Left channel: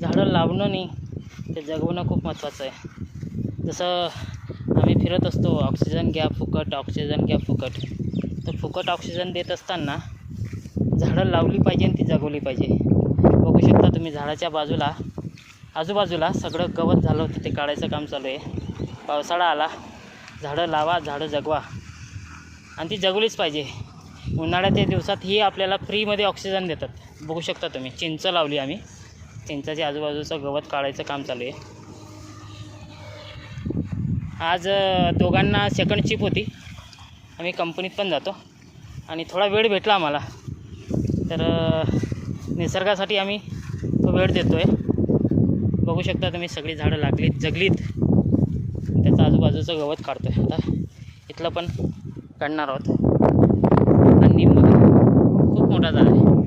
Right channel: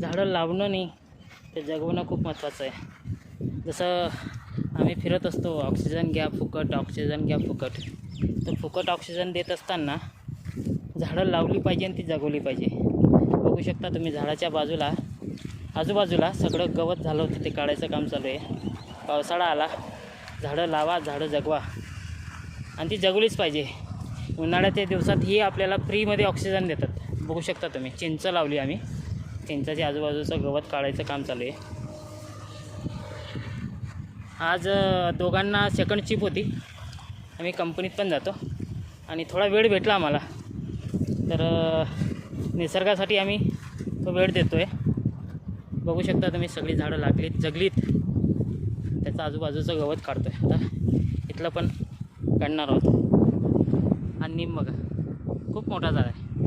झाडं लावणं नाही ते जगवणं खूप महत्त्वाचं आहे. जसं आम्ही फिरत असतो, ऑक्सिजन घ्या फुकट, ऑक्सिजन घ्या फुकट. तर फुकट ऑक्सिजन देत असताना झाडं लावली पाहिजे आणि ती जगवली पाहिजे. बघू शकता तुम्ही झाडाच्या बाजूला आजूबाजूला सगळं गवत झालं होतं, ते काढायचं काम चालू आहे. पावसाळा आला, झाडं लावा, झाडं जगवा आणि ती जगवलीच पाहिजे. उन्हाळ्याच्या दिवसात ही आपल्याला फ्रीमध्ये ऑक्सिजन देतात. बघू शकता तुम्ही, चिंच लावली आम्ही, चिंचाच्या आजूबाजूचं गवत काढायचं काम चालू आहे. आज दोघांना सेकंड शिफ्ट होती, आम्ही कंपनीत पण जातो आणि थोडा वेळ भेटला आम्हाला, तर निसर्गासाठी आम्ही तो वेळ देतो आहे. बघू शकता तुम्ही, सगळी झाडं लागलीत, जगलीत, त्याचं आजूबाजूचं गवत काढतो आहे. आता इथलं पण काढणार आहोत आणि बघा खूप मोठा झाला आहे.